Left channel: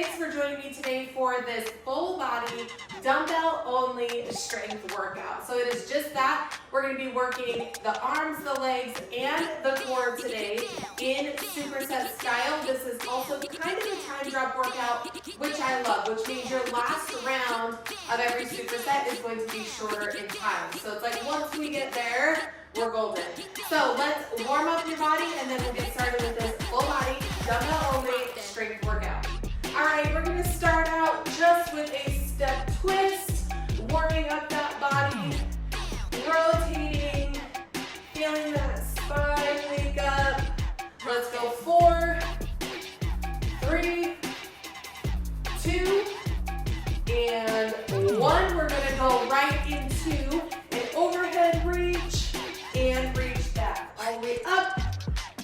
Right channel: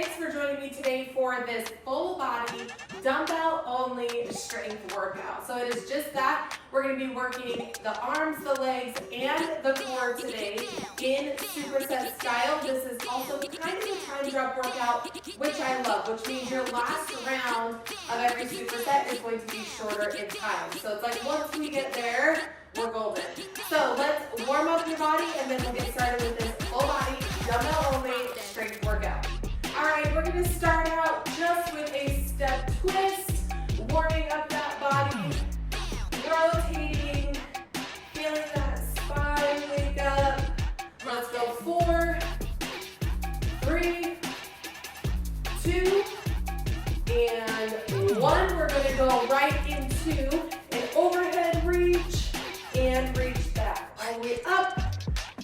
Thanks for joining me today for this full body dumbbell only strength workout. So it is just that. We're going to be working the arms, the legs, and the core today in superset style. This is also kind of a time drop workout, which I love, which means your last round of every superset is going to be shorter in time. So it's like once we get there, we're golden. So let's warm up your body and then we'll get started with this full body dumbbell only strength workout. All right, we're going to start out just with a step twist, warming up that body, rotating, feeling that spine wake up. Let's go 4, 3, 2, and 1. We're going to go right into an overhead reach and reach back. All the way up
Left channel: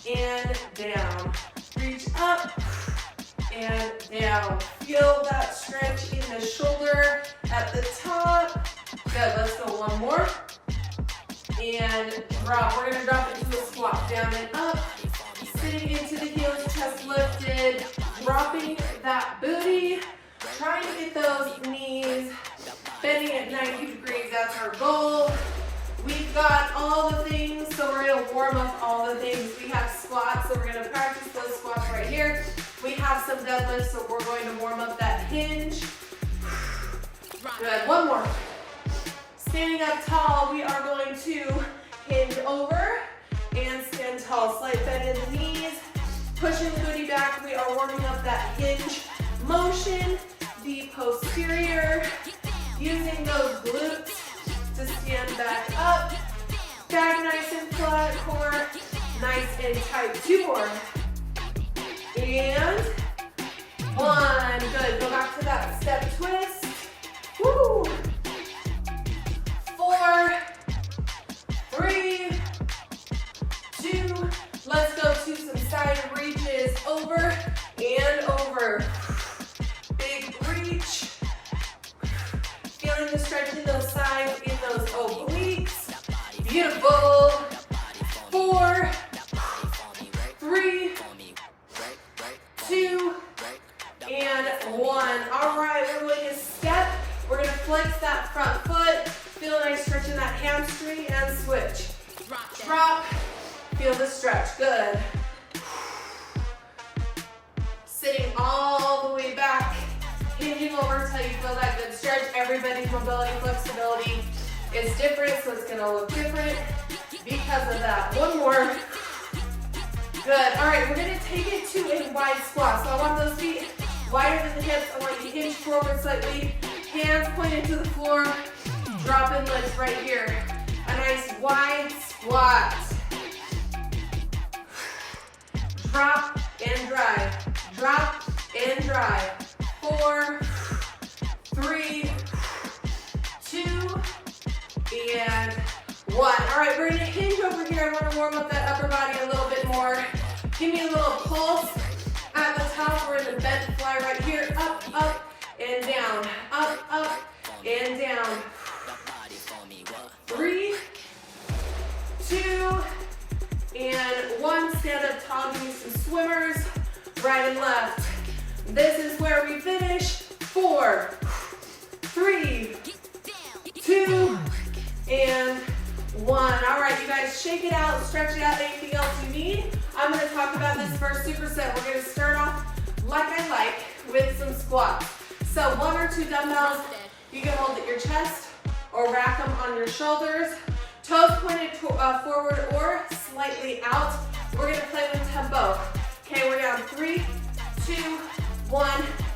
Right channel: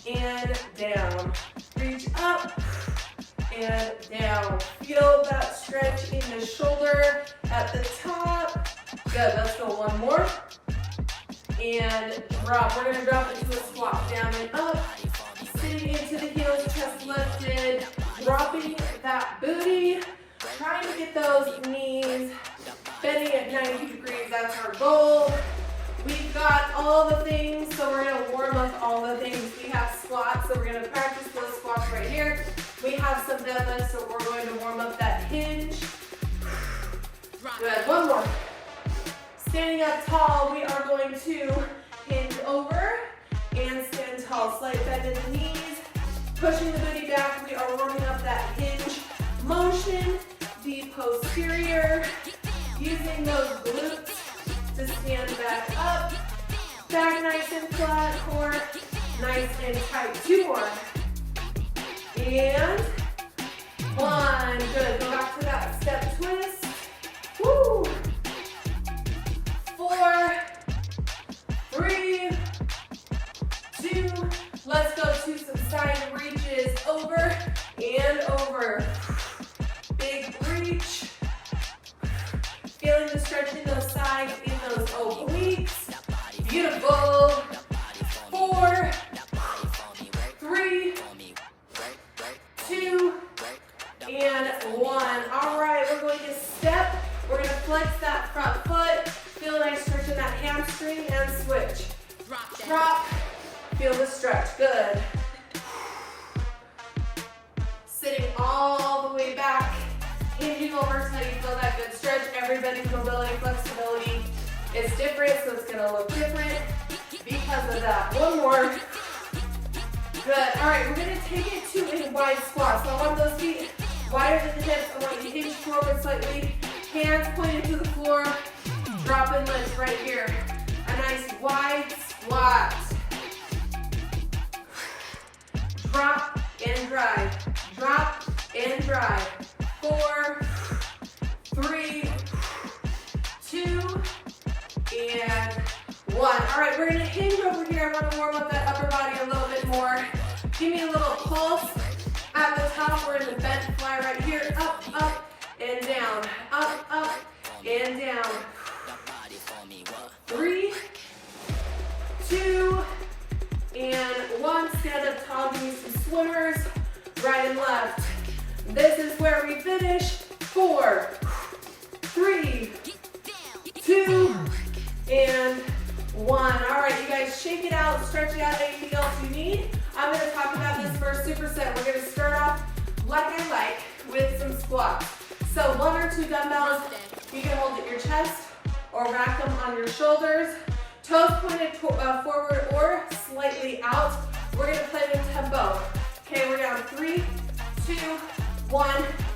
and down. Reach up and down. Feel that stretch in the shoulder at the top. Good, let's go one more. And drop. We're going to drop into a squat. Down and up. Sitting into the heels, chest lifted. Dropping that booty. Trying to get those knees bending at 90 degrees. That's our goal. We've got all the things, so we're going to warm up all the things. We have squats, so we're going to practice those squats right here. We have some deadlifts, so we're going to warm up that hinge. Good, one more. Standing up tall, we are going to hinge over and stand tall. Slight bend in the knees, pushing the booty back. We are warming up that hinge motion, the posterior, using those glutes to stand back up. Back nice and flat, core nice and tight. 2 more. And 1. Good. Go back to that step twist. Woo. 4, 3, 2. Let's go to some side reaches. Over and over. Big reach. Feeling the stretch in those sides, in those obliques. Beautiful. 4, 3, 2, and 1. All right, we're going to step. We're going to flex that front foot. Feel a nice stretch in that hamstring and switch. Drop. Feel the stretch. Good. Sitting all the way back. Hinging over until you feel that good stretch. Everybody's mobility, flexibility is different, so it's going to look different because of that. One more. Good. All right, we're going to take it to a wide squat. So I want those feet wider than the hips. I want you to hinge forward slightly. Hands pointed to the floor. Dropping legs right here. A nice wide squat. Drop and drive. Drop and drive. 4, 3, 2, and 1. All right, we're going to hinge over here. I want to warm up that upper body a little bit more. Give me a little pulse at the top. We're in the bent fly right here. Up, up, and down. Up, up, and down. 3, 2, and 1. Stand up tall. Give me some swimmers. Right and left. This is where we finish. 4, 3, 2, and 1. All right, you guys, shake it out, stretch it out, anything else you need. I'm going to talk about this first superset. We're going to start off like I like with some squats. So 1 or 2 dumbbells, you can hold at your chest or rack them on your shoulders. Toes pointed forward or slightly out. We're going to play with tempo. Okay, we're down 3, 2, 1,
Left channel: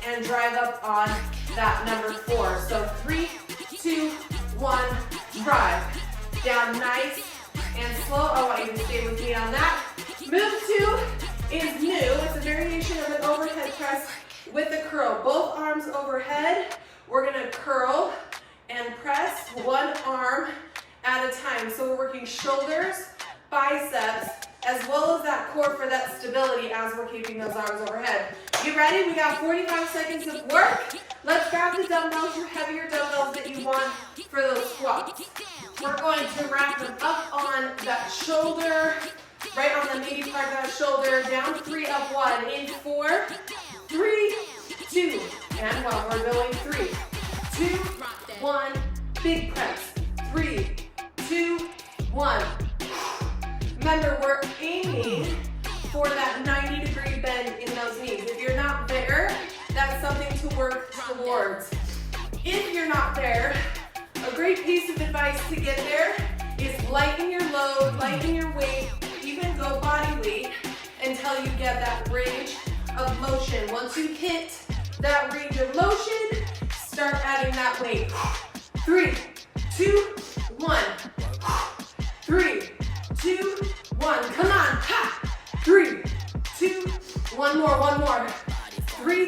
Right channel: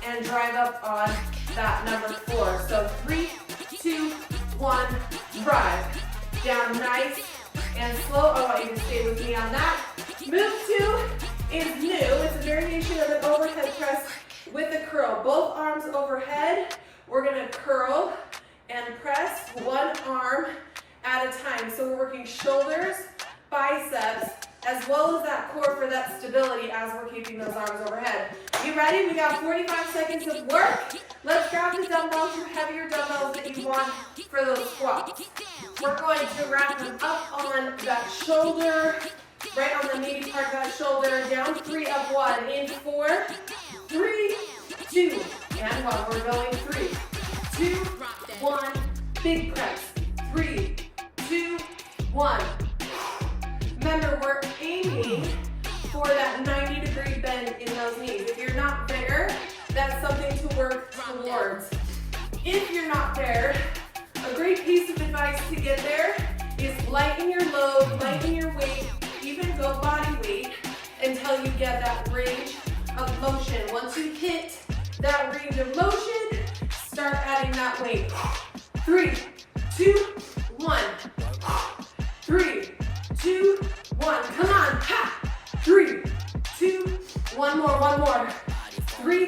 and drive up on that number 4. So 3, 2, 1, drive. Down nice and slow. I want you to stay with me on that. Move 2 is new. It's a variation of an overhead press with a curl. Both arms overhead. We're going to curl and press one arm at a time. So we're working shoulders, biceps, as well as that core for that stability as we're keeping those arms overhead. You ready? We got 45 seconds of work. Let's grab the dumbbells, your heavier dumbbells that you want for those squats. We're going to wrap them up on that shoulder, right on the meaty part of that shoulder. Down 3, up 1. In 4, 3, 2, and 1. We're going 3, 2, 1. Big press. 3, 2, 1. Remember, we're aiming for that 90-degree bend in those knees. If you're not there, that's something to work towards. If you're not there, a great piece of advice to get there is lighten your load, lighten your weight, even go body weight until you get that range of motion. Once you hit that range of motion, start adding that weight. 3, 2, 1. 3, 2, 1. Come on. Ha! 3, 2, 1 more, 1 more. 3,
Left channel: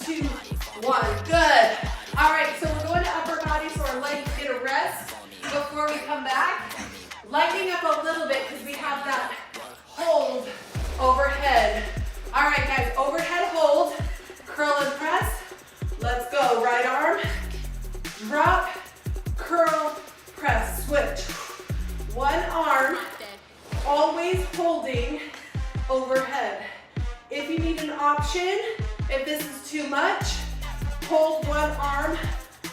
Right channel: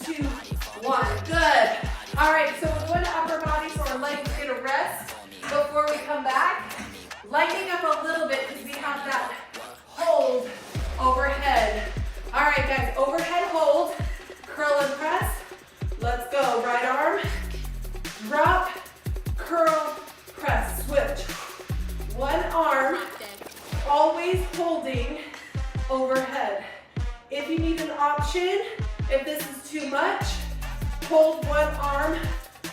2, 1. Good. All right, so we're going to upper body so our legs get a rest before we come back. Lightening up a little bit because we have that hold overhead. All right, guys, overhead hold, curl and press. Let's go. Right arm, drop, curl, press, switch. One arm, always holding overhead. If you need an option, if this is too much, hold one arm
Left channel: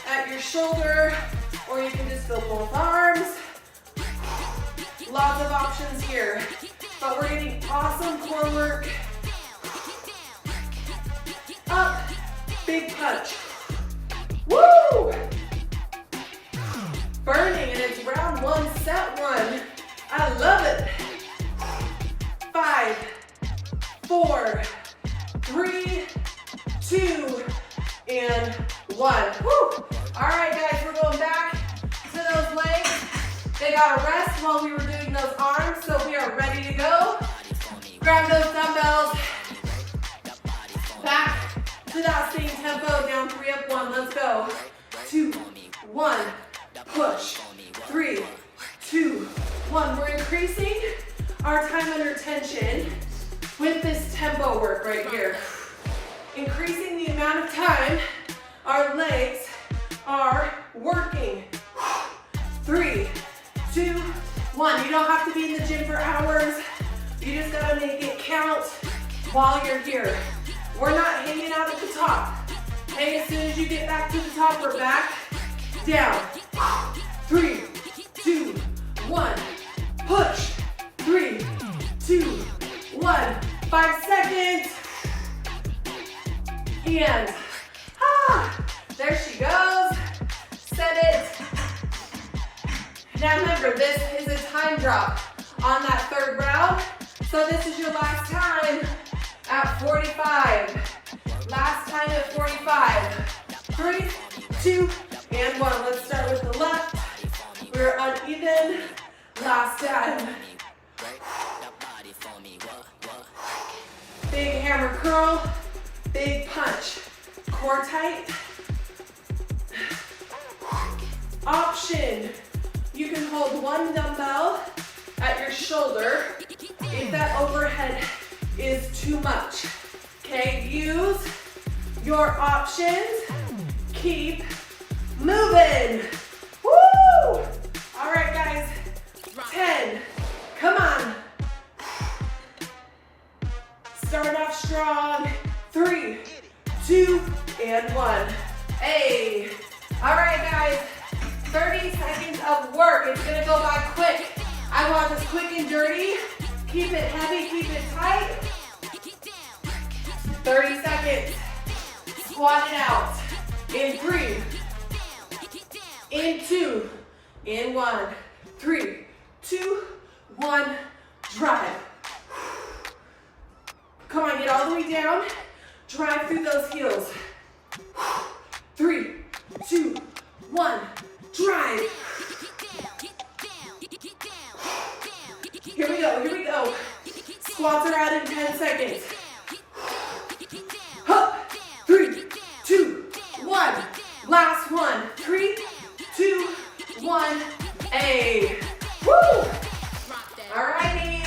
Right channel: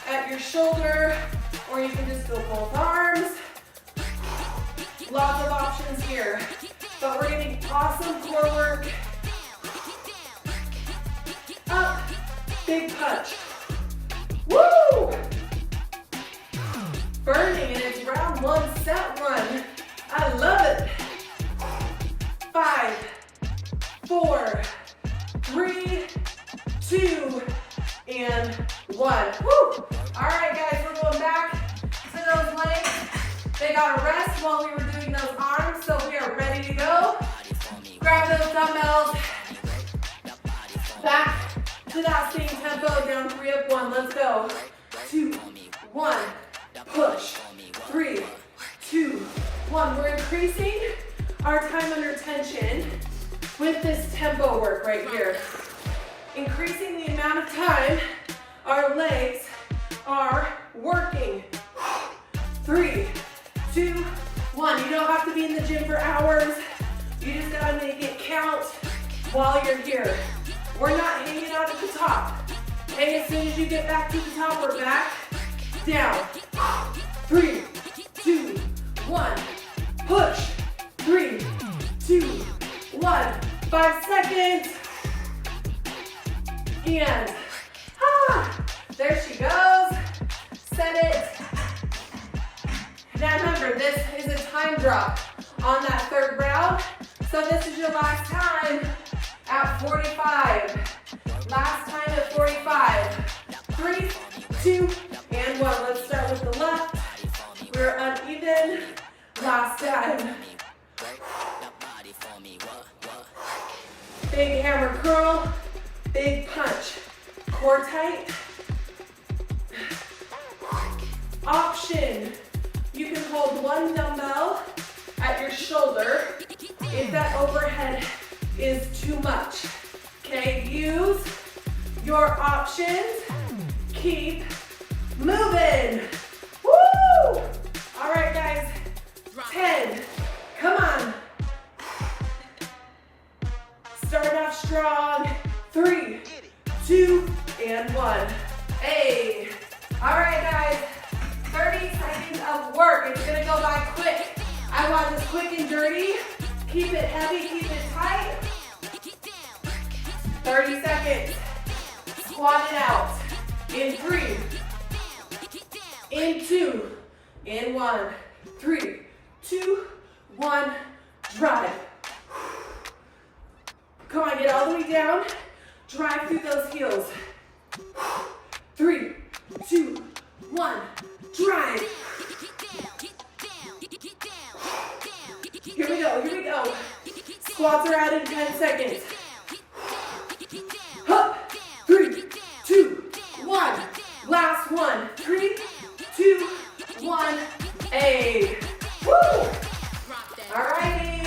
at your shoulder, or you can just go both arms. Lots of options here, but we're getting awesome core work. Up, big punch. Woo! Burning, and it's round 1, set 1. I love it. 5, 4, 3, 2, and 1. Woo! All right, guys, we're going back to those legs. They got a rest while we were doing those arms, so we are ready to go. Grab those dumbbells. Back to that same tempo, down 3, up 1. Let's go. 2, 1. Push. 3, 2, 1. We're increasing our time under tension with this tempo work right here. Increasing the amount of time our legs are working. 3, 2, 1. You don't have to be in the gym for hours. You just gotta make it count while you're here. We're not hanging out at the top. Okay, as soon as you get back to the top, we're back down. 3, 2, 1. Push. 3, 2, 1. 5 seconds. And there she goes. Set it. Now remember, this is a time drop on that 3rd round. So this is your last time at 45. Last time at 45. 3, 2, and 1. Let's start with the left. We're uneven. Last time. Big hammer curl. Big punch. Core tight. Option. You can hold one dumbbell at your shoulder if that overhead is too much. Okay, use your options. Keep moving. Woo! All right, guys. 10. Come on. Start off strong. 3, 2, and 1. Hey. All right, guys. 30 seconds of work. It's gonna go by quick. I want this quick and dirty. Keep it heavy, keep it tight. 30 seconds. Squat it out. In 3, in 2, in 1. 3, 2, 1. Drive. Come on, get all the way down. Drive through those heels. 3, 2, 1. Drive. Here we go, here we go. Squats are out in 10 seconds. Hup. 3, 2, 1. Last one. 3, 2, 1. Hey. Woo. Alrighty.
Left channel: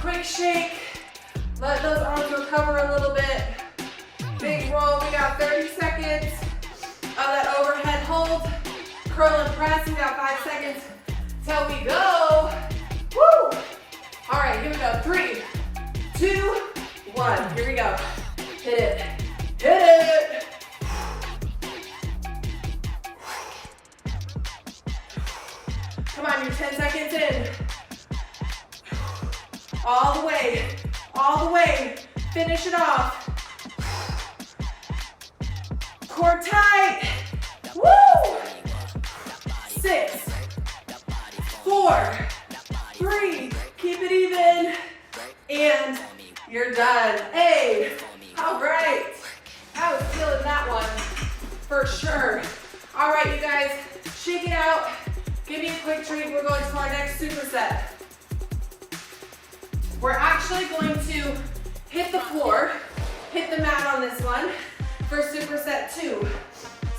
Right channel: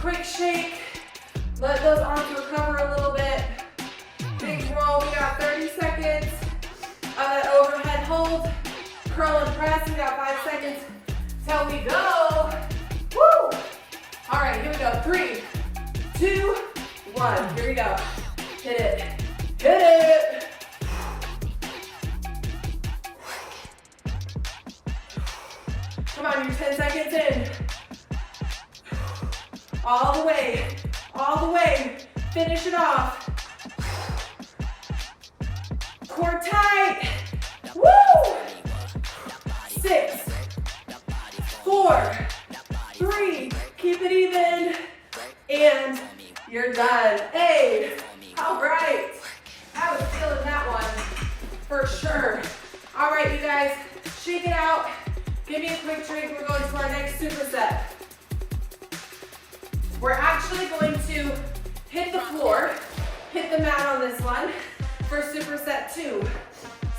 Quick shake. Let those arms recover a little bit. Big roll. We got 30 seconds of that overhead hold. Curl and press. We got 5 seconds till we go. Woo! All right, here we go. 3, 2, 1. Here we go. Hit it. Hit it. Come on, you're 10 seconds in. All the way, all the way. Finish it off. Core tight. Woo! 6, 4, 3, keep it even, and you're done. Hey, all right. I was feeling that one for sure. All right, you guys, shake it out. Give me a quick treat. We're going to our next superset. We're actually going to hit the floor, hit the mat on this one for superset 2.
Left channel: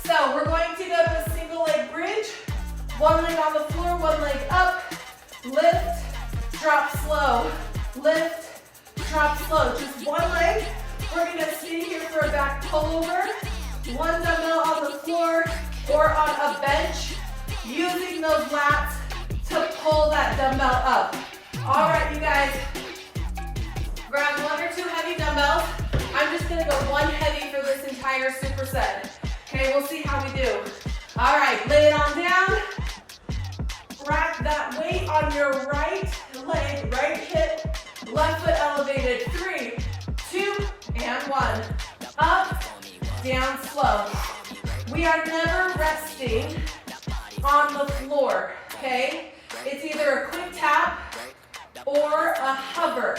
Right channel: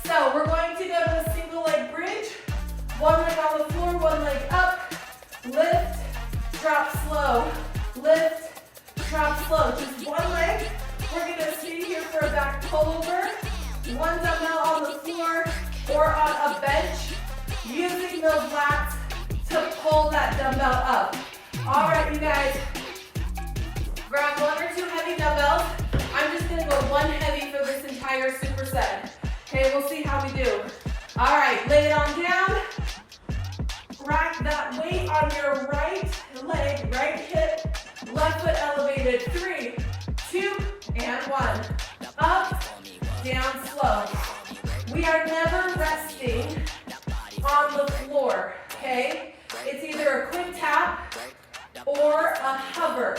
So we're going to go to a single leg bridge, one leg on the floor, one leg up, lift, drop slow, lift, drop slow. Just one leg. We're gonna sit here for a back pullover, one dumbbell on the floor or on a bench, using those lats to pull that dumbbell up. All right, you guys, grab 1 or 2 heavy dumbbells. I'm just gonna go 1 heavy for this entire superset. Okay, we'll see how we do. All right, lay it on down. Rack that weight on your right leg, right hip, left foot elevated. 3, 2, and 1. Up, down, slow. We are never resting on the floor, okay? It's either a quick tap or a hover.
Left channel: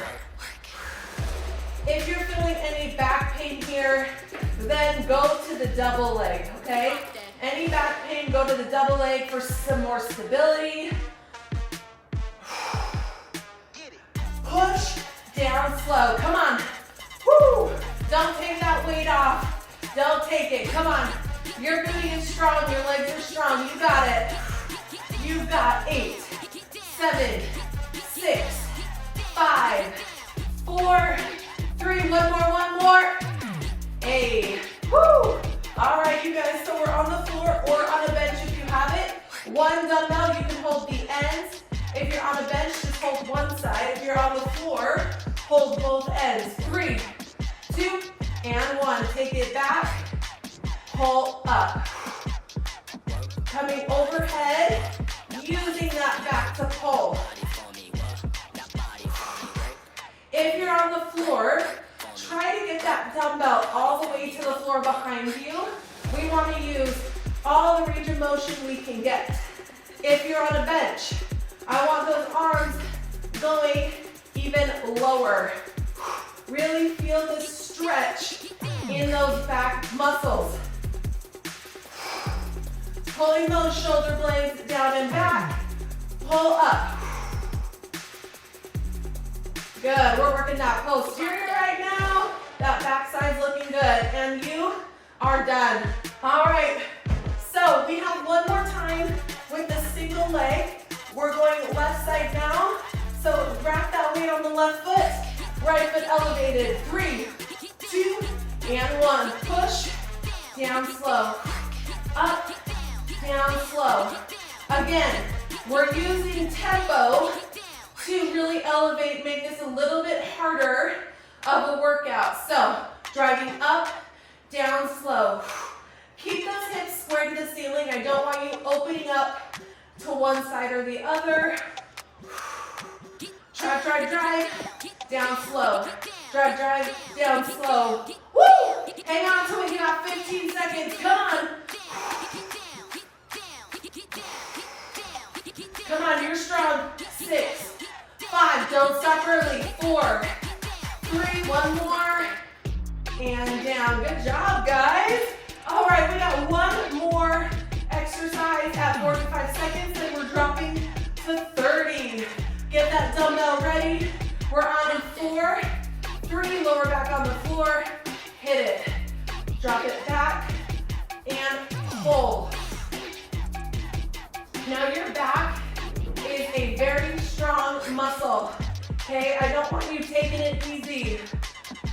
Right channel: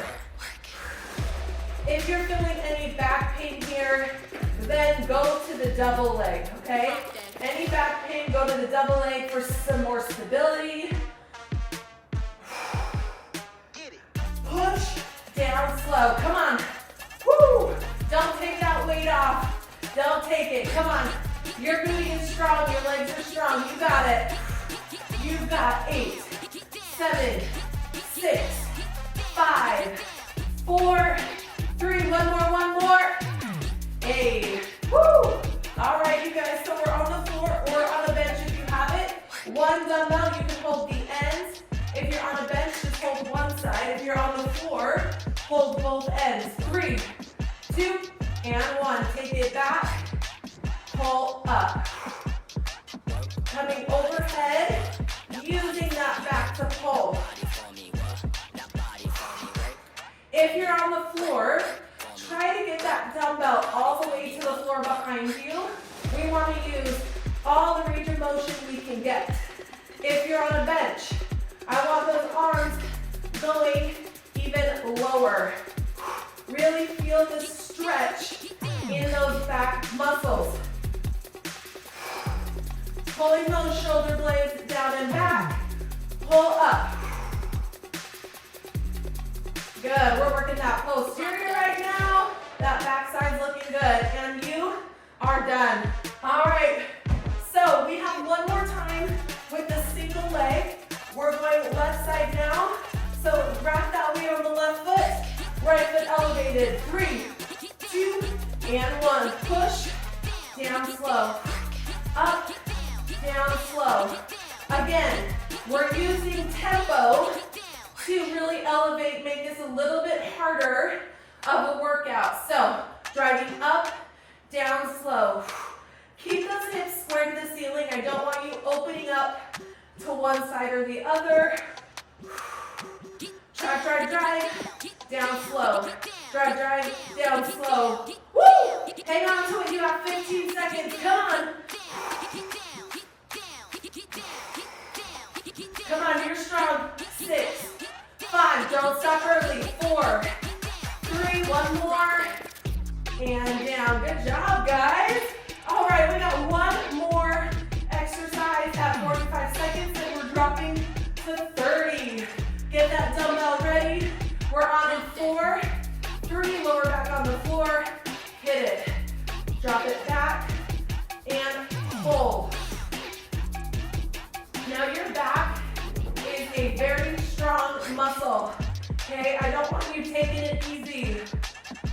If you're feeling any back pain here, then go to the double leg, okay? Any back pain, go to the double leg for some more stability. Push down slow. Come on. Woo! Don't take that weight off. Don't take it. Come on. You're being strong. Your legs are strong. You got it. You've got 8, 7, 6, 5, 4, 3. One more. 8. Woo! All right, you guys. So we're on the floor or on a bench if you have it. 1 dumbbell, you can hold the ends. If you're on a bench, just hold one side. If you're on the floor, hold both ends. 3, 2, and 1. Take it back. Pull up. Coming overhead, using that back to pull. If you're on the floor, try to get that dumbbell all the way to the floor behind you. We want to use all the range of motion we can get. If you're on a bench, I want those arms going even lower. Really feel the stretch in those back muscles. Pulling those shoulder blades down and back. Pull up. Good, we're working that posterior right now. That backside's looking good. And you are done. All right, so we have one more time with the single leg. We're going left side now. So wrap that weight on the left foot. Right foot elevated. 3, 2, and 1. Push, down slow. Up, down slow. Again, we're using tempo to really elevate, make this a little bit harder of a workout. So, driving up, down slow. Keep those hips square to the ceiling. I don't want you opening up to one side or the other. Drive, drive, drive, down slow. Drive, drive, down slow. Woo! Hang on to it, you have 15 seconds, come on. Come on, you're strong. 6, 5, don't stop early. 4, 3, 1 more. And down, good job, guys. All right, we got one more exercise at 45 seconds and we're dropping to 30. Get that dumbbell ready. We're on in 4, 3, lower back on the floor. Hit it. Drop it back and pull. Now your back is a very strong muscle. Okay, I don't want you taking it easy.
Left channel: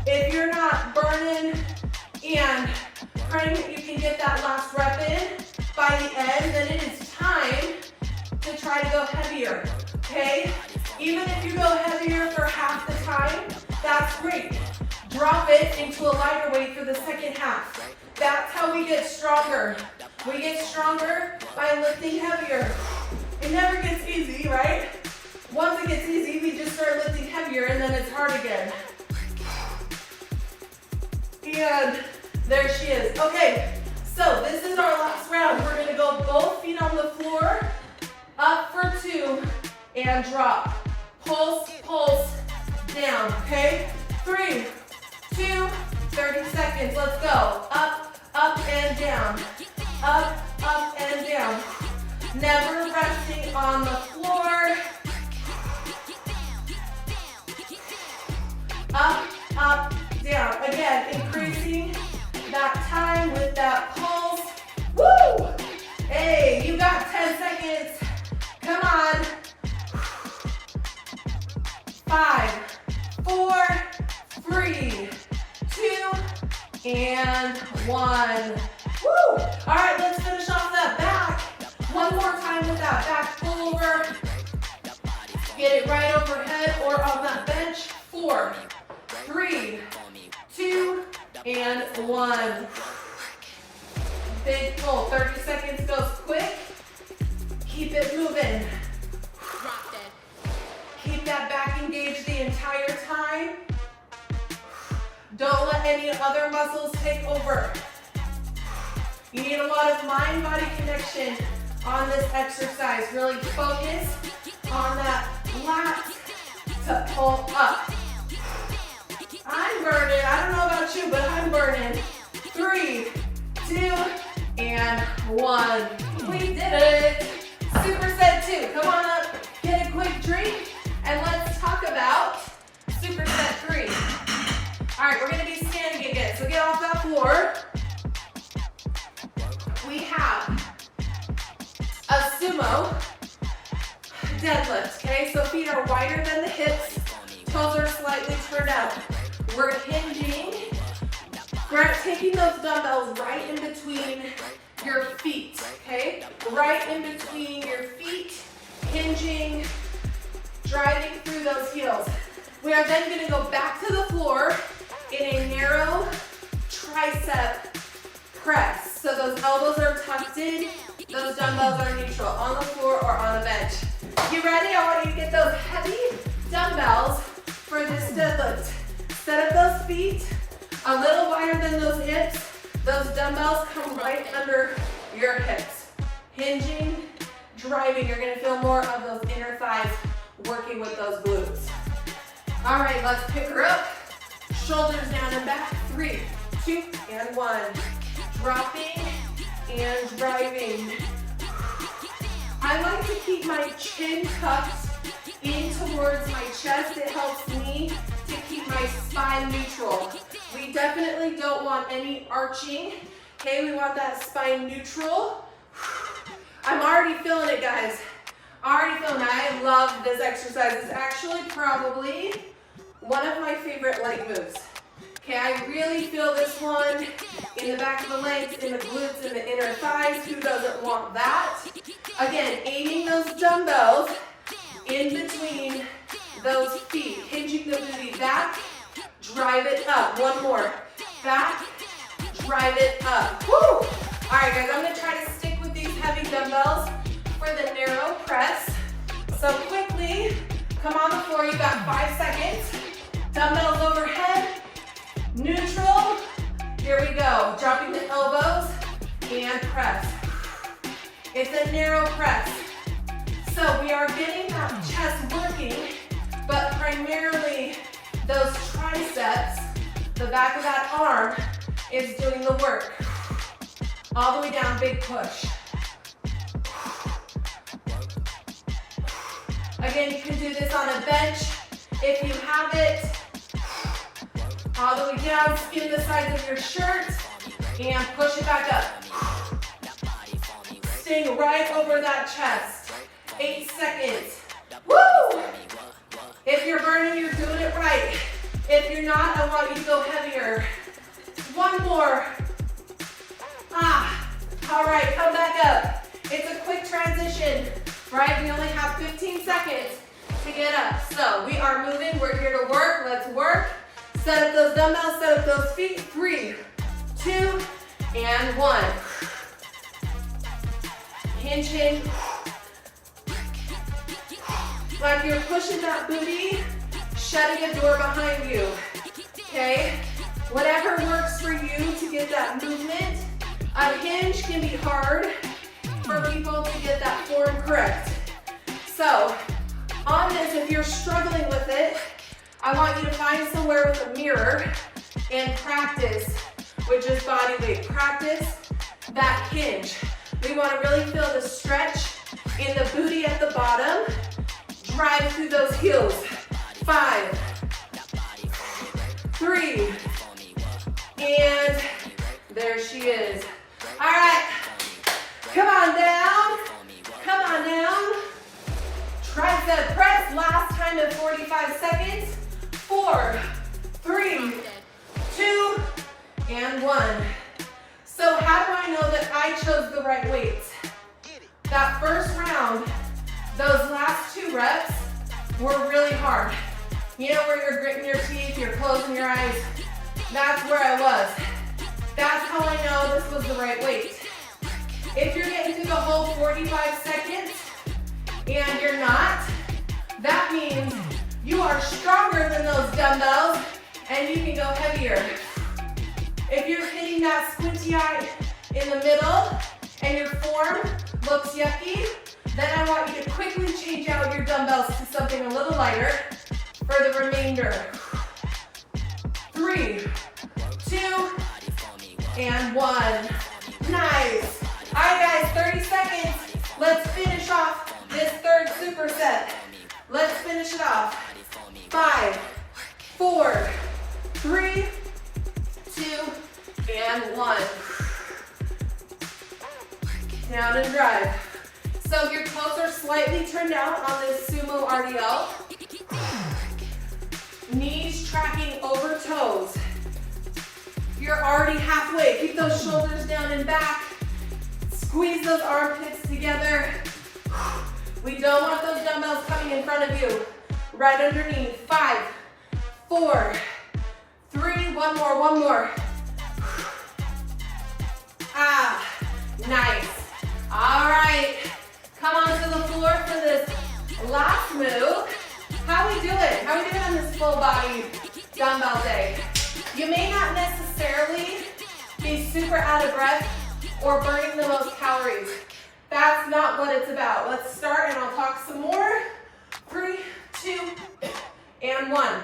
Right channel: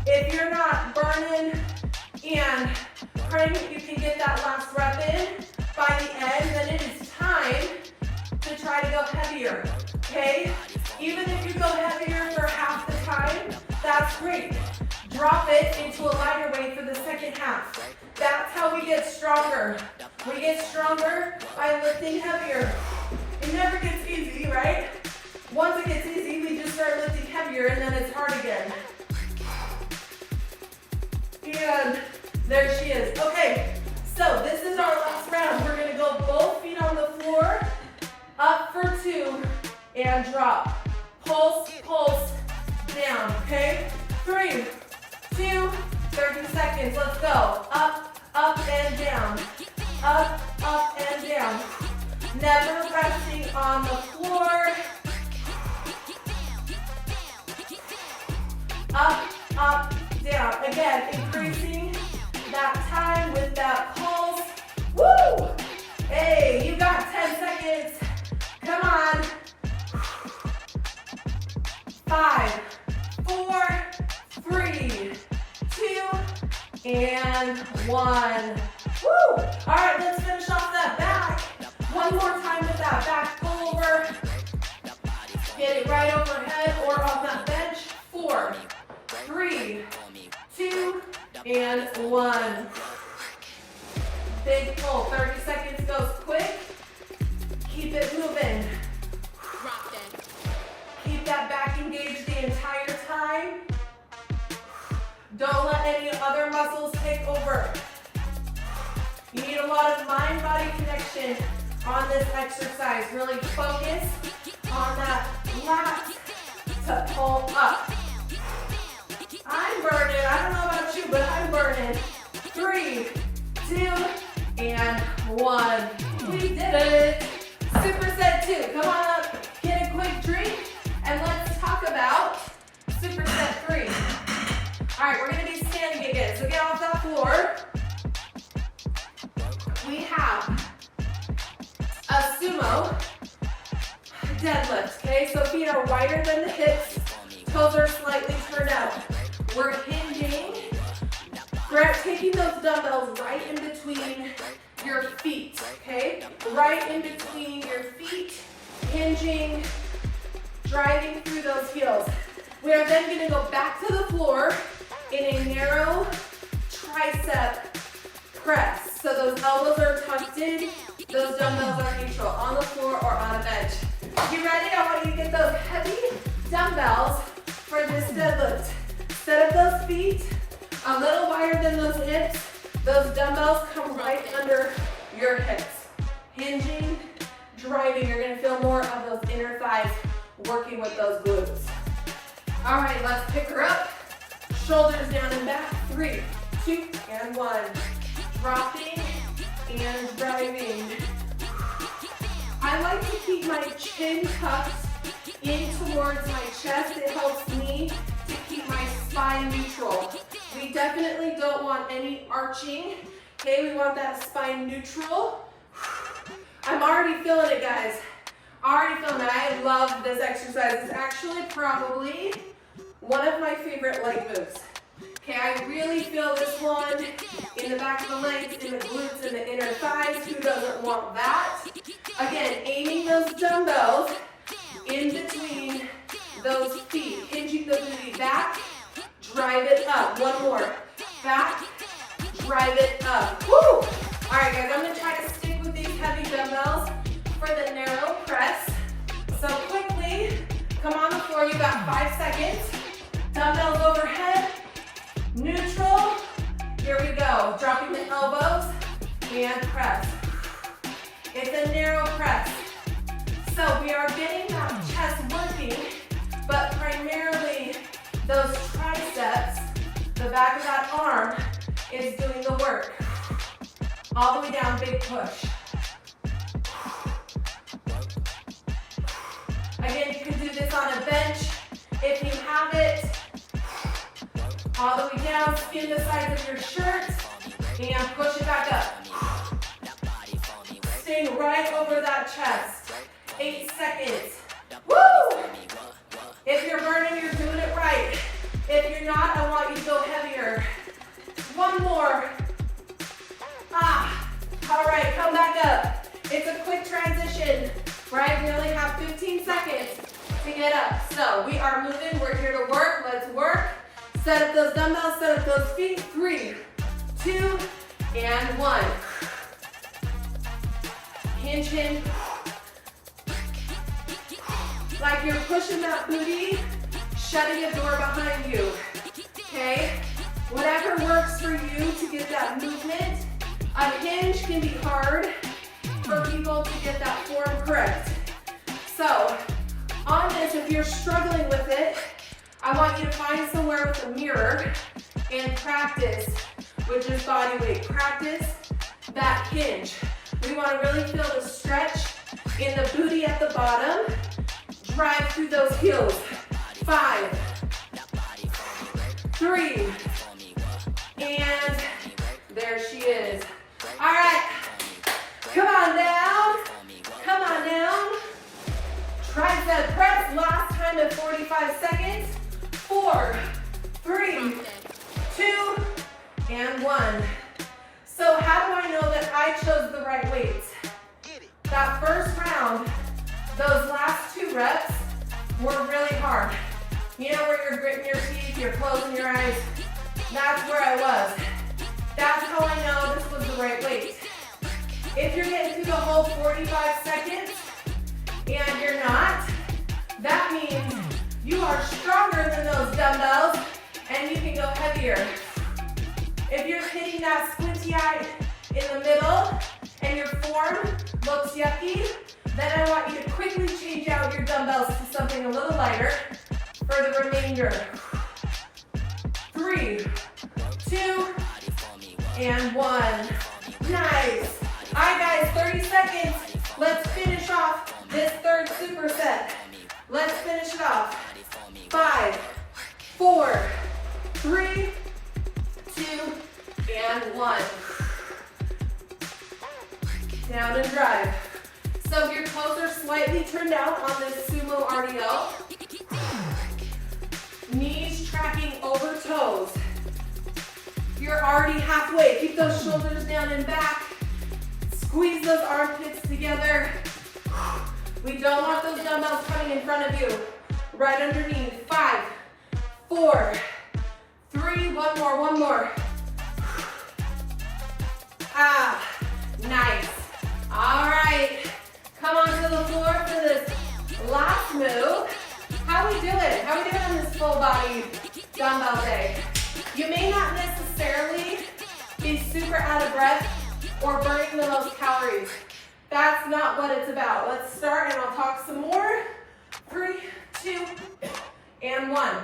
If you're not burning and praying that you can get that last rep in by the end, then it is time to try to go heavier, okay? Even if you go heavier for half the time, that's great. Drop it. it into a lighter weight for the second half. That's how we get stronger. We get stronger by lifting heavier. It never gets easy, right? Once it gets easy, we just start lifting heavier and then it's hard again. And there she is. Okay, so this is our last round. We're gonna go both feet on the floor, up for 2, and drop. Pulse, pulse, down, okay? 3, 2, 30 seconds, let's go. Up, up, and down. Up, up, and down. Never resting on the floor. Up, up, down. Again, increasing that time with that pulse. Woo! Hey, you got 10 seconds. Come on. 5, 4, 3, 2, and 1. Woo! All right, let's finish off that back. One more time with that back pullover. Get it right overhead or on that bench. 4, 3, 2, and 1. Big pull. 30 seconds goes quick. Keep it moving. Keep that back engaged the entire time. Don't let any other muscles take over. You need a lot of mind-body connection on this exercise. Really focus on that lat to pull up. I'm burning. I don't know about you, but I'm burning. 3, 2, and 1. We did it. Superset 2. Come on up. Get a quick drink. And let's talk about Superset 3. All right, we're gonna be standing again. So get off that floor. We have a sumo deadlift, okay? So feet are wider than the hips, toes are slightly turned out. We're hinging. We're taking those dumbbells right in between your feet, okay? Right in between your feet, hinging, driving through those heels. We are then gonna go back to the floor in a narrow tricep press. So those elbows are tucked in, those dumbbells are neutral, on the floor or on a bench. You ready? I want you to get those heavy dumbbells for this deadlift. Set up those feet a little wider than those hips. Those dumbbells come right under your hips. Hinging, driving, you're gonna feel more of those inner thighs working with those glutes. All right, let's pick her up. Shoulders down and back. 3, 2, and 1. Dropping and driving. I like to keep my chin tucked in towards my chest. It helps me to keep my spine neutral. We definitely don't want any arching. Okay, we want that spine neutral. I'm already feeling it, guys. Already feeling it. I love this exercise. It's actually probably one of my favorite leg moves. Okay, I really feel this one in the back of the legs, in the glutes, in the inner thighs. Who doesn't want that? Again, aiming those dumbbells in between those feet. Hinging the booty back, drive it up. One more. Back, drive it up. Woo! All right, guys, I'm gonna try to stick with these heavy dumbbells for the narrow press. So quickly, come on the floor. You got 5 seconds. Dumbbells overhead. Neutral, here we go. Dropping the elbows and press. It's a narrow press. So we are getting that chest working, but primarily those triceps, the back of that arm, is doing the work. All the way down, big push. Again, you can do this on a bench if you have it. All the way down, skin the sides of your shirt, and push it back up. Staying right over that chest. 8 seconds. Woo! If you're burning, you're doing it right. If you're not, I want you to go heavier. One more. All right, come back up. It's a quick transition, right? We only have 15 seconds to get up. So we are moving, we're here to work, let's work. Set up those dumbbells, set up those feet. 3, 2, and 1. Hinge, hinge. Like you're pushing that booty, shutting a door behind you, okay? Whatever works for you to get that movement. A hinge can be hard for people to get that form correct. So, on this, if you're struggling with it, I want you to find somewhere with a mirror and practice, which is body weight. Practice that hinge. We want to really feel the stretch in the booty at the bottom. Drive through those heels. 5, 3, and there she is. All right, come on down. Come on down. Tricep press, last time in 45 seconds. 4, 3, 2, and 1. So how do I know that I chose the right weights? That first round, those last 2 reps were really hard. You know where you're gritting your teeth, you're closing your eyes? That's where I was. That's how I know this was the right weight. If you're getting through the whole 45 seconds and you're not, that means you are stronger than those dumbbells and you can go heavier. If you're hitting that squinty eye in the middle and your form looks yucky, then I want you to quickly change out your dumbbells to something a little lighter for the remainder. 3, 2, and 1. Nice. All right, guys, 30 seconds. Let's finish off this third superset. Let's finish it off. 5, 4, 3, 2, and 1. Down and drive. So if your toes are slightly turned out on this Sumo RDL, knees tracking over toes. You're already halfway. Keep those shoulders down and back. Squeeze those armpits together. We don't want those dumbbells coming in front of you. Right underneath. 5, 4, 3, one more. Ah, nice. All right. Come onto the floor for this last move. How we doing? How we doing on this full body dumbbell day? You may not necessarily be super out of breath or burning the most calories. That's not what it's about. Let's start and I'll talk some more. 3, 2, and 1.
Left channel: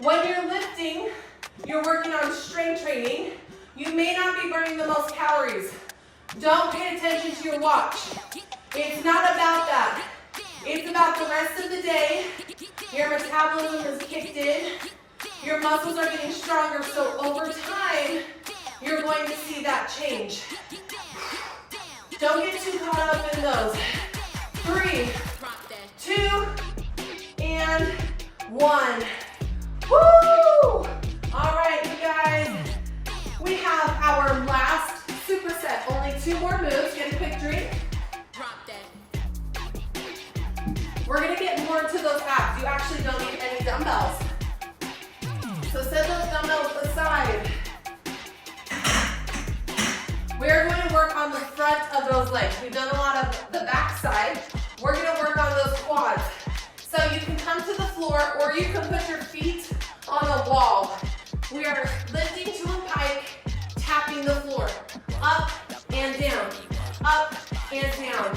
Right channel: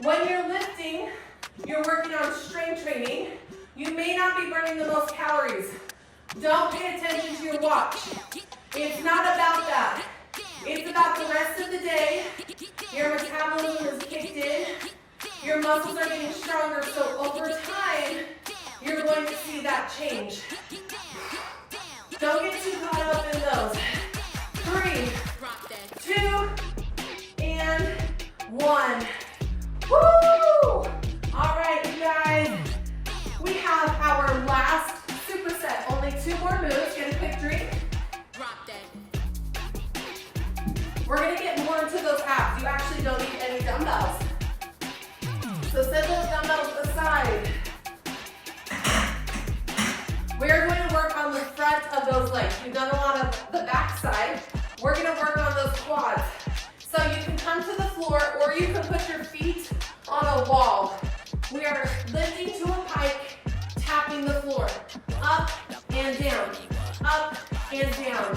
When you're lifting, you're working on strength training. You may not be burning the most calories. Don't pay attention to your watch. It's not about that. It's about the rest of the day. Your metabolism is kicked in. Your muscles are getting stronger, so over time, you're going to see that change. Don't get too caught up in those. 3, 2, and 1. Woo! All right, you guys. We have our last superset. Only 2 more moves. Get a quick drink. We're going to get more into those abs. You actually don't need any dumbbells. So set those dumbbells aside. We're going to work on the front of those legs. We've done a lot of the back side. We're going to work on those quads. So you can come to the floor or you can put your feet on a wall. We are lifting to a pike, tapping the floor. Up and down. Up and down.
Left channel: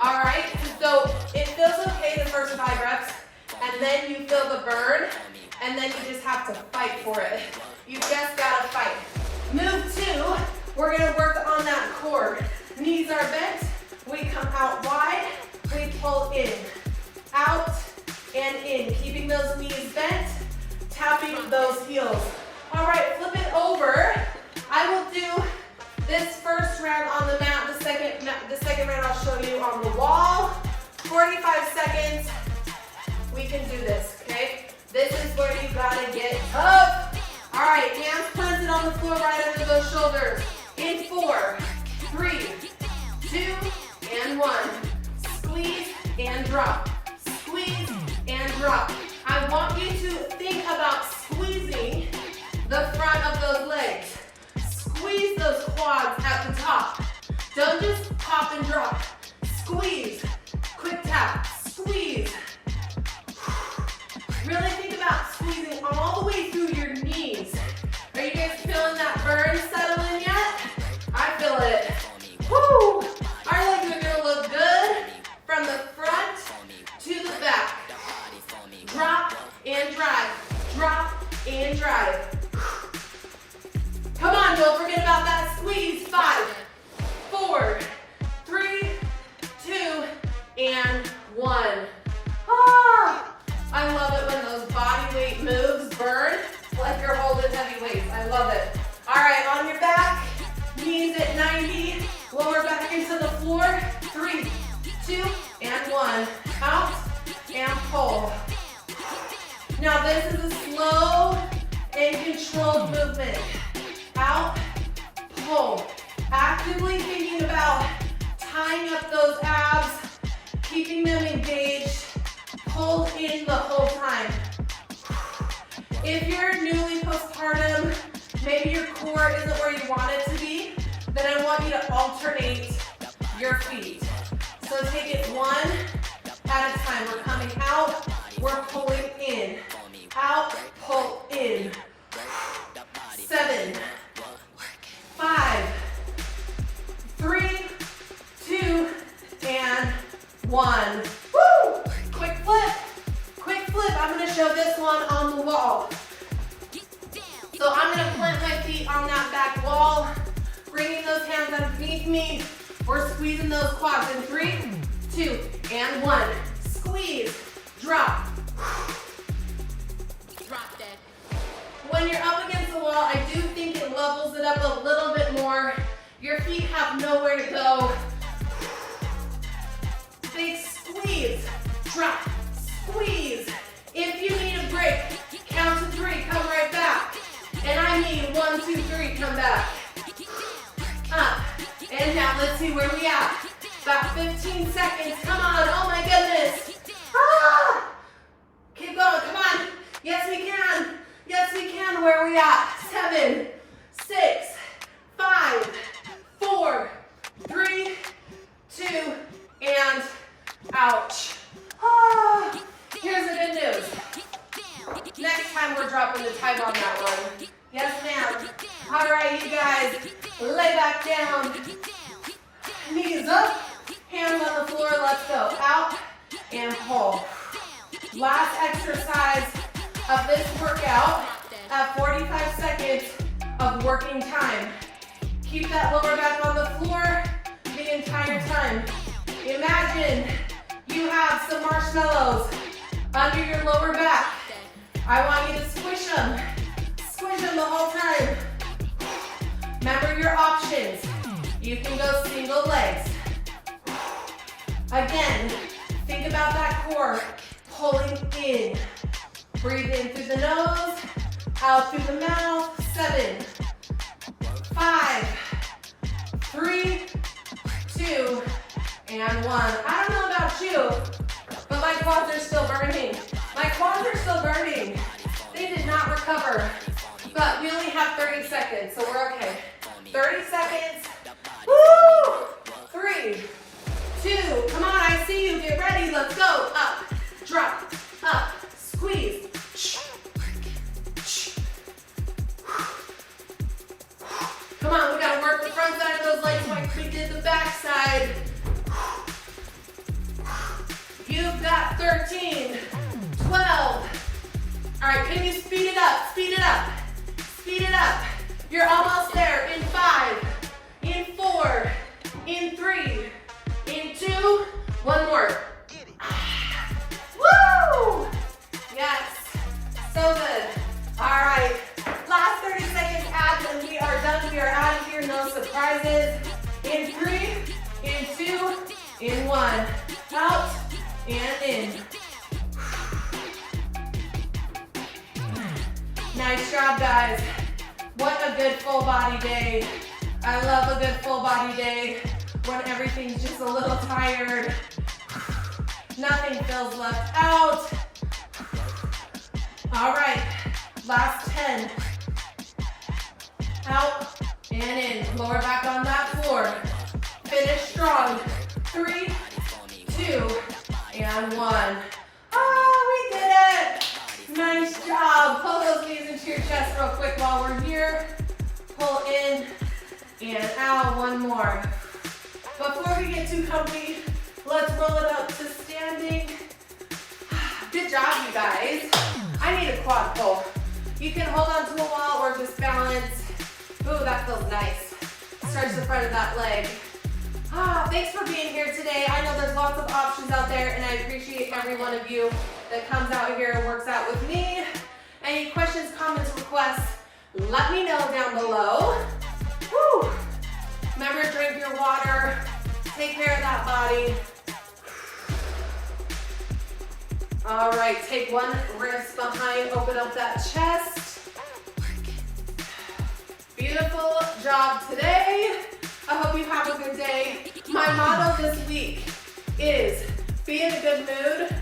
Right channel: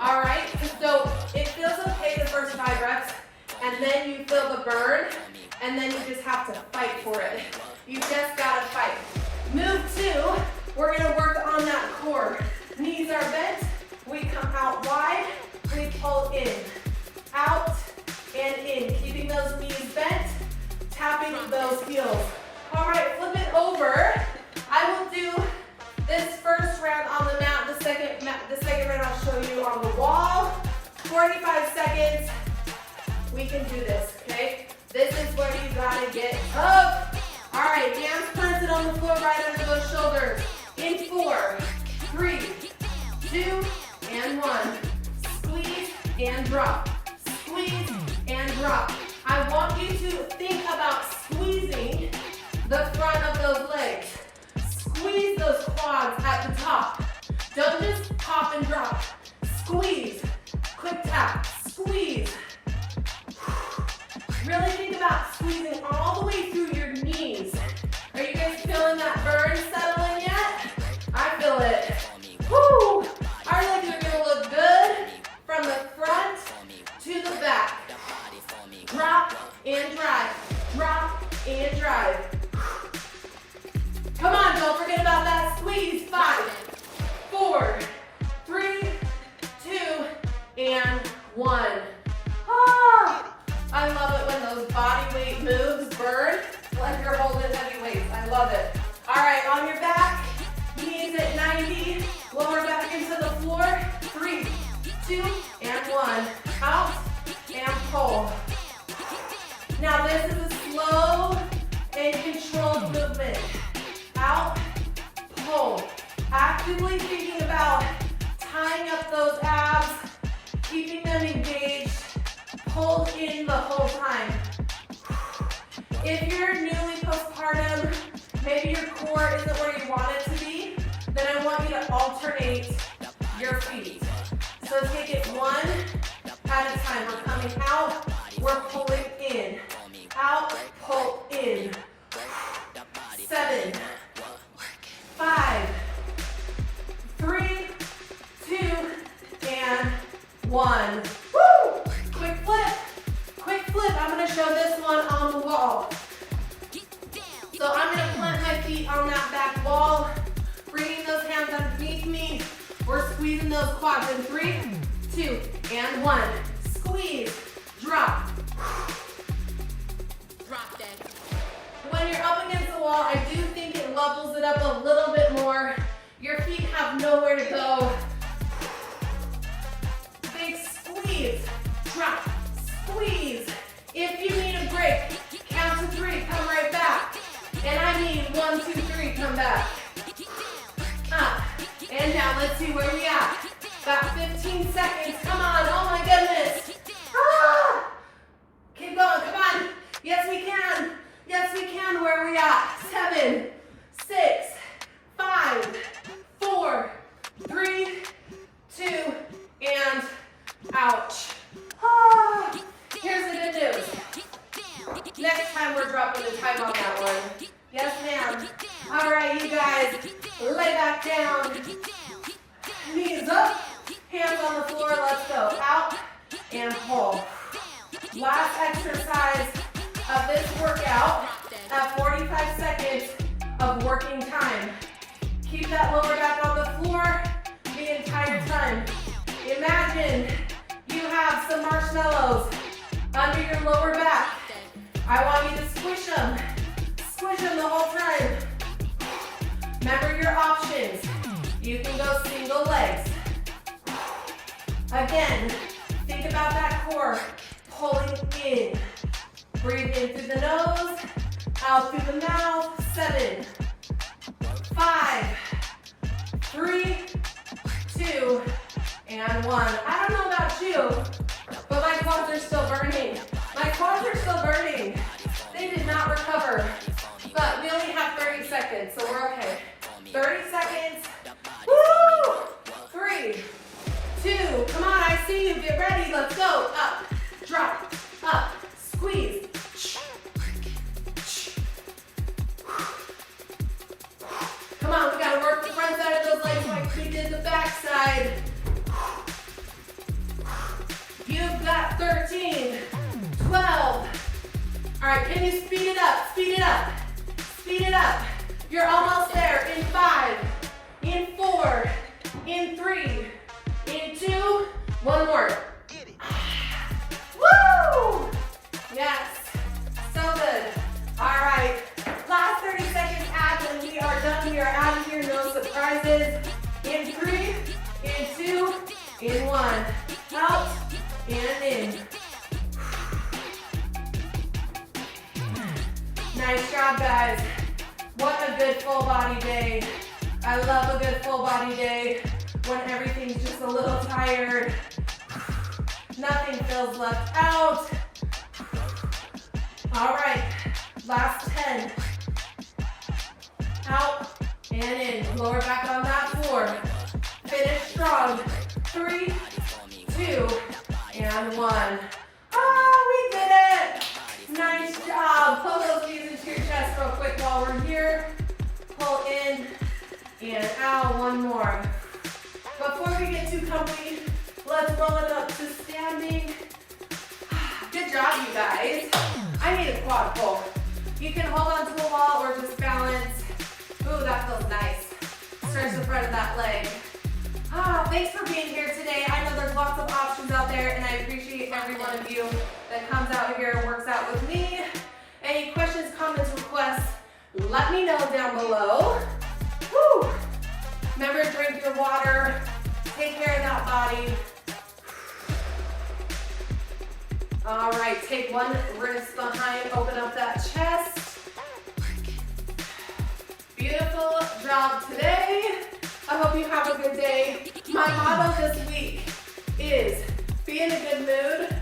All right? So it feels okay the first 5 reps, and then you feel the burn, and then you just have to fight for it. You just gotta fight. Move 2, we're gonna work on that core. Knees are bent, we come out wide, we pull in. Out and in, keeping those knees bent, tapping those heels. All right, flip it over. I will do this first round on the mat, the second round I'll show you on the wall. 45 seconds, we can do this, okay? This is where you gotta get up. All right, hands planted on the floor right under those shoulders. In 4, 3, 2, and 1. Squeeze and drop. Squeeze and drop. I want you to think about squeezing and drive. Come on, don't forget about that squeeze. 5, 4, 3, 2, and 1. Ah, I love it when those body weight moves burn like you're holding heavy weights. I love it. All right, on your back, knees at 90, lower back into the floor. 3, 2, and 1. Out and pull. Now this is a slow and controlled movement. Out, pull. Actively thinking about tying up those abs, keeping them engaged, pull in the whole time. If you're newly postpartum, maybe your core isn't where you want it to be, then I want you to alternate your feet. So take it one at a time. We're coming out, we're pulling in. Out, pull in. 7, 5, 3, 2, and 1. Woo! Quick flip. Quick flip. I'm going to show this one on the wall. So I'm going to plant my feet on that back wall, bringing those hands underneath me. We're squeezing those quads in 3, 2, and 1. Squeeze. Drop. Drop that. When you're up against the wall, I do think it levels it up a little bit more. Your feet have nowhere to go. Big squeeze. Drop. Squeeze. If you need a break, count to 3, come right back. And I need 1, 2, 3, come back. Up. And now let's see where we at. About 15 seconds. Come on. Oh my goodness. Ah! Keep going. Come on. Yes, we can. Yes, we can. Where are we at? 7, 6, 5, 4, 3, 2, and ouch. Ah! Here's the good news. Next time we're dropping the time on that one. Yes, ma'am. All right, you guys, lay back down. Knees up, hands on the floor. Let's go. Out and pull. Last exercise of this workout at 45 seconds of working time. Keep that lower back on the floor the entire time. Imagine you have some marshmallows under your lower back. I want you to squish them. Squish them the whole time. Remember your options. You can go single legs. Again, think about that core pulling in. Breathe in through the nose, out through the mouth. 7, 5, 3, 2, and 1. I don't know about you, but my quads are still burning. My quads are still burning. They did not recover, but we only have 30 seconds, so we're okay. 30 seconds. Woo! 3, 2, come on, I see you. Get ready, let's go. Up, drop, up, squeeze. Come on, we gotta work the front side of those legs like we did the back side. You've got 13, 12. All right, can you speed it up? Speed it up. Speed it up. You're almost there. In 5, in 4, in 3, in 2. One more. Woo! Yes. So good. All right. Last 30 seconds abs and we are done. We are out of here. No surprises. In 3, in 2, in 1. Out and in. Nice job, guys. What a good full body day. I love a good full body day when everything's just a little tired. Nothing feels left out. All right, last 10. Out and in. Lower back on that floor. Finish strong. 3, 2, and 1. Oh, we did it. Nice job. Pull those knees into your chest real quick while we're here. Pull in and out. One more. Before we get too comfy, let's roll it up to standing. Good job, you guys. I need a quad pull. You can hold on to a wall or just balance. Ooh, that feels nice. Stretch the front of that leg. Thanks for being here today. I know there's lots of options out there, and I appreciate every one of you that comes out here and works out with me. Any questions, comments, requests, let me know down below. Woo! Remember to drink your water. Take care of that body. All right, take one wrist behind, open up that chest. Beautiful job today. I hope you have a good day. My motto this week is be in a good mood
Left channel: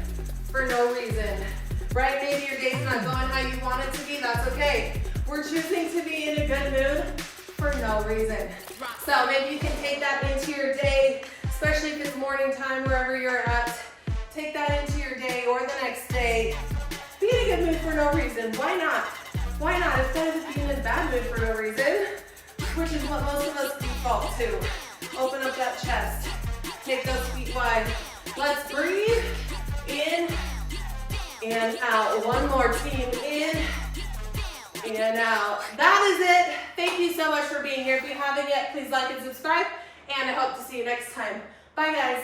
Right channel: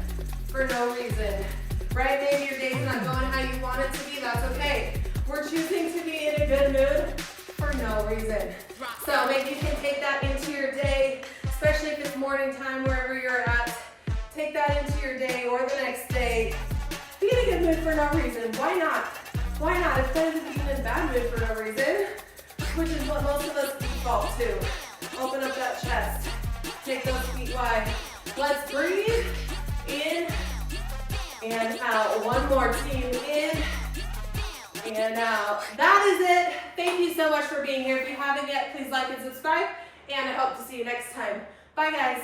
for no reason. Right? Maybe your day's not going how you want it to be, that's okay. We're choosing to be in a good mood for no reason. So maybe you can take that into your day, especially if it's morning time, wherever you're at. Take that into your day or the next day. Be in a good mood for no reason. Why not? Why not? Instead of being in a bad mood for no reason, which is what most of us default to. Open up that chest. Take those feet wide. Let's breathe in and out. One more, team. In and out. That is it. Thank you so much for being here. If you haven't yet, please like and subscribe. And I hope to see you next time. Bye, guys.